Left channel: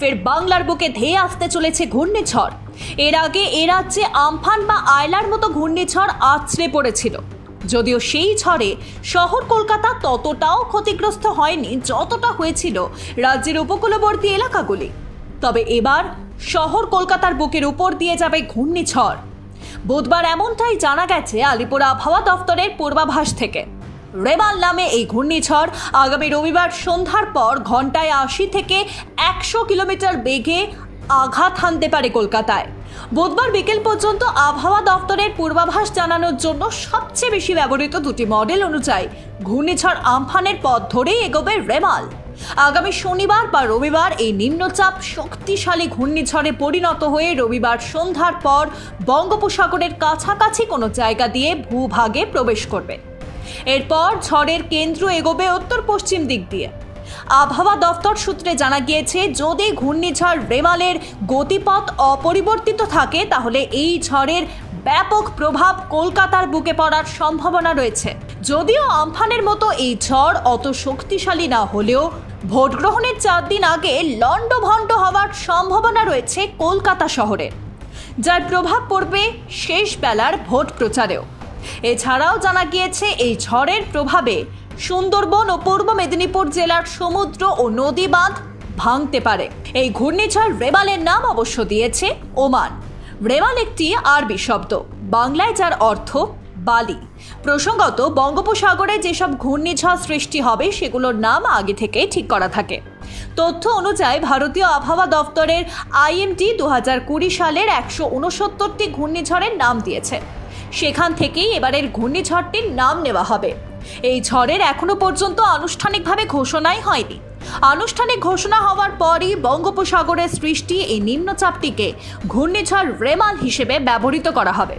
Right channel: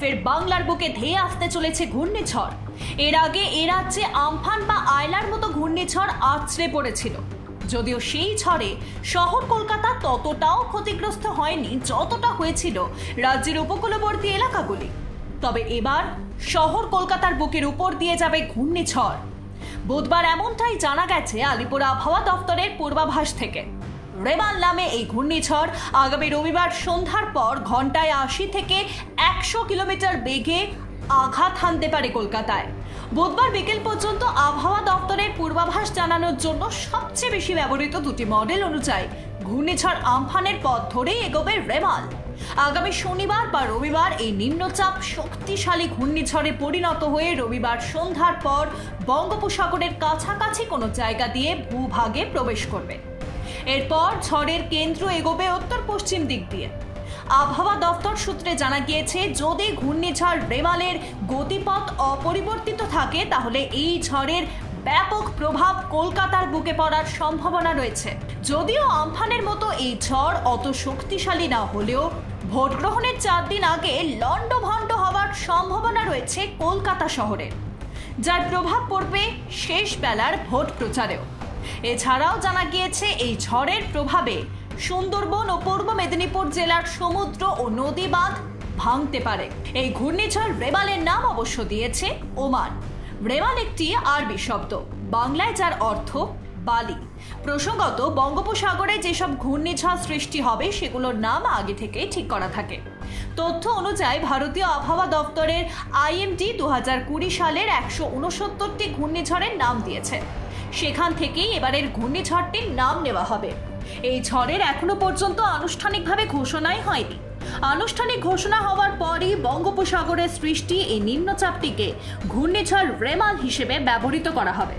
ফের বাংলার বুকে ধেয়ে আসতে চলেছে ঘূর্ণিঝড়। এর আগে এ রাজ্যে আমফান বা আয়লার মতো ঘূর্ণিঝড় আছড়ে পড়েছিল। যদিও সেই ঝড়ে শহর কলকাতা ততটাও ক্ষতিগ্রস্ত হয়নি যতটা হয়েছিল রাজ্যের উপকূলবর্তী এলাকাগুলি। তবে এবার শহর কলকাতার বুকের উপর দিয়ে যাবে ঘূর্ণিঝড়। বুধবার এমনটাই জানা গেছে আলিপুর আবহাওয়া দফতরের পূর্বাভাস থেকে। রেবাল নামে এই ঘূর্ণিঝড় আগামী রবিবার সন্ধ্যার পর ঘন্টায় আশি থেকে একশো কিলোমিটার বেগে আঘাত হানতে পারে কলকাতায়। বুধবার বিকেল পর্যন্ত আবহাওয়া দপ্তরের পূর্বাভাস জানানোর জন্য সবচেয়ে বেশি ব্যবহৃত দুটি মডেল অনুযায়ী ঘূর্ণিঝড় আমফানের পথ ধরেই এগোবে রেমাল। আগামী শনিবার বা রবিবার এই নিম্নচাপ শক্তিশালী ঘূর্ণিঝড়ে পরিণত হয়ে রবিবার সন্ধ্যার পর বঙ্গোপসাগরের কাছাকাছি কোনো জায়গা দিয়ে ভূভাগে প্রবেশ করবে। এরপর ঝড়ের কেন্দ্র এগোবে উত্তর পশ্চিম দিক দিয়ে। আবহাওয়া দফতর সূত্রে জানা গিয়েছে, যদি ঘূর্ণিঝড় রেমালের গতিপথ অপরিবর্তিত থাকে, তাহলে এই ঝড়ের ব্যাপক প্রভাব কলকাতার বুকে পড়ার সম্ভাবনা রয়েছে। যদিও আমফানের মতো এই ঝড় অত শক্তিশালী না হলেও, ভোট গ্রহণের চার দিন আগে লণ্ডভণ্ড হওয়ার সম্ভাবনা রয়েছে কলকাতা শহরে। যার প্রভাব পড়বে শেষ বেলার ভোট প্রচারেও। এছাড়াও জানা গিয়েছে, এই ঝড়ের প্রভাবে সুন্দরবন ও পূর্ব মেদিনীপুর জেলার সমুদ্র ও নদী বাঁধ ভাঙতে পারে। এই ঘূর্ণিঝড় রেবালের নাম অবশ্য দিয়েছে ওমান। রেবাল একটি আরবি শব্দ, বাংলায় যার অর্থ বালি। প্রসঙ্গত, বঙ্গোপসাগরে যেসব ঘূর্ণিঝড় সৃষ্টি হবে, সেগুলোর নাম আগে থেকেই ঠিক করা থাকে। তথ্য অনুযায়ী, ভারতীয় আবহাওয়া দপ্তরের আইএমডি দু হাজার কুড়ি সালের একশো উনসত্তরটি ঘূর্ণিঝড়ের নাম দিয়েছে। সেখান থেকেই এবারের ঘূর্ণিঝড়টির নাম নেওয়া হবে। এই ঝড়ের এখনও পর্যন্ত আনুষ্ঠানিকভাবে ঘোষণাই হয়নি। আনুষ্ঠানিক ঘোষণা হওয়ার পরই বঙ্গোপসাগরের সৃষ্টি এই নিম্নচাপটিকে ঘূর্ণিঝড় রেমাল হিসেবে ব্যবহৃত করা হবে।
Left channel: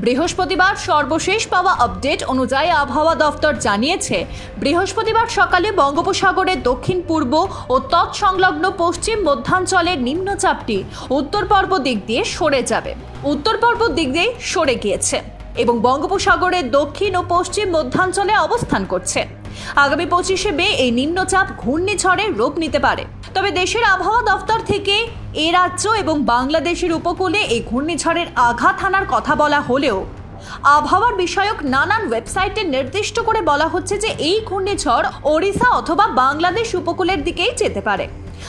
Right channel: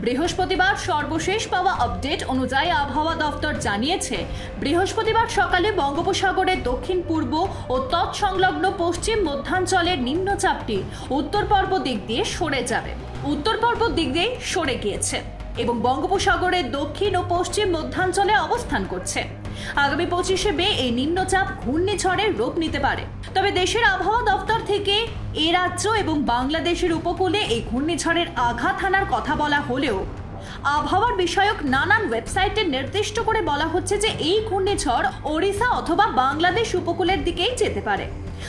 বৃহস্পতিবার সর্বশেষ পাওয়া আপডেট অনুযায়ী আবহাওয়া দফতর জানিয়েছে, বৃহস্পতিবার সকালে বঙ্গোপসাগরের দক্ষিণ, পূর্ব ও তৎসংলগ্ন পশ্চিম মধ্যাঞ্চলের নিম্নচাপটি উত্তর পর্ব দিক দিয়ে সরে যাবে। উত্তর পর্ব দিক দিয়ে সরে গিয়েছে। এবং বঙ্গোপসাগরের দক্ষিণ ও পশ্চিম মধ্যাঞ্চলে অবস্থান করছে। আগামী পঁচিশে মে এই নিম্নচাপ ঘূর্ণিঝড়ের রূপ নিতে পারে। তবে দেশের আবহাওয়া দফতর থেকে এ রাজ্য এবং বাংলাদেশের উপকূলে এই ঘূর্ণিঝড়ের আঘাত হানার কথা বলা হলেও আবহাওয়ার বিষয়ক নানান ওয়েবসাইটে নির্দিষ্ট করে বলা হচ্ছে যে এই ঘূর্ণিঝড় ওড়িশা অথবা বাংলাদেশ উপকূলের দিকেই যেতে পারে।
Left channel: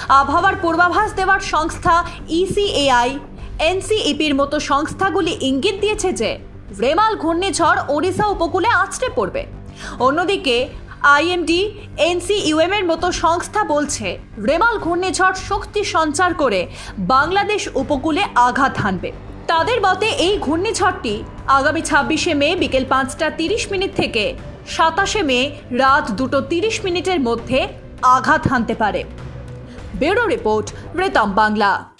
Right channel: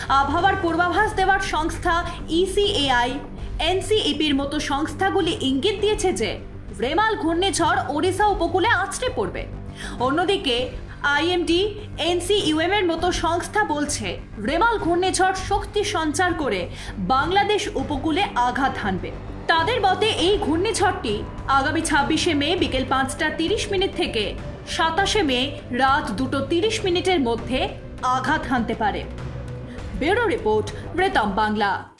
আবহাওয়ার পূর্বাভাস দেওয়ার সংস্থা E ইসিএআই এনসিইপির মতো সংস্থাগুলি ইঙ্গিত দিয়েছে যে রেমাল ঘূর্ণিঝড় ওড়িশা উপকূলে আছড়ে পড়বে। অন্যদিকে, আইএমডি, এনসিইউএম এর মতো সংস্থা বলছে, রেমাল ঘূর্ণিঝড় শক্তি সঞ্চার করে বাংলাদেশ উপকূলে আঘাত হানবে। তাদের মতে, এই ঘূর্ণিঝড়টি আগামী ছাব্বিশে মে বিকেল পাঁচটা তিরিশ মিনিট থেকে সাতাশে মে রাত দুটো তিরিশ মিনিটের মধ্যে আঘাত হানতে পারে। ব্যুরো রিপোর্ট, রেতম বাংলা।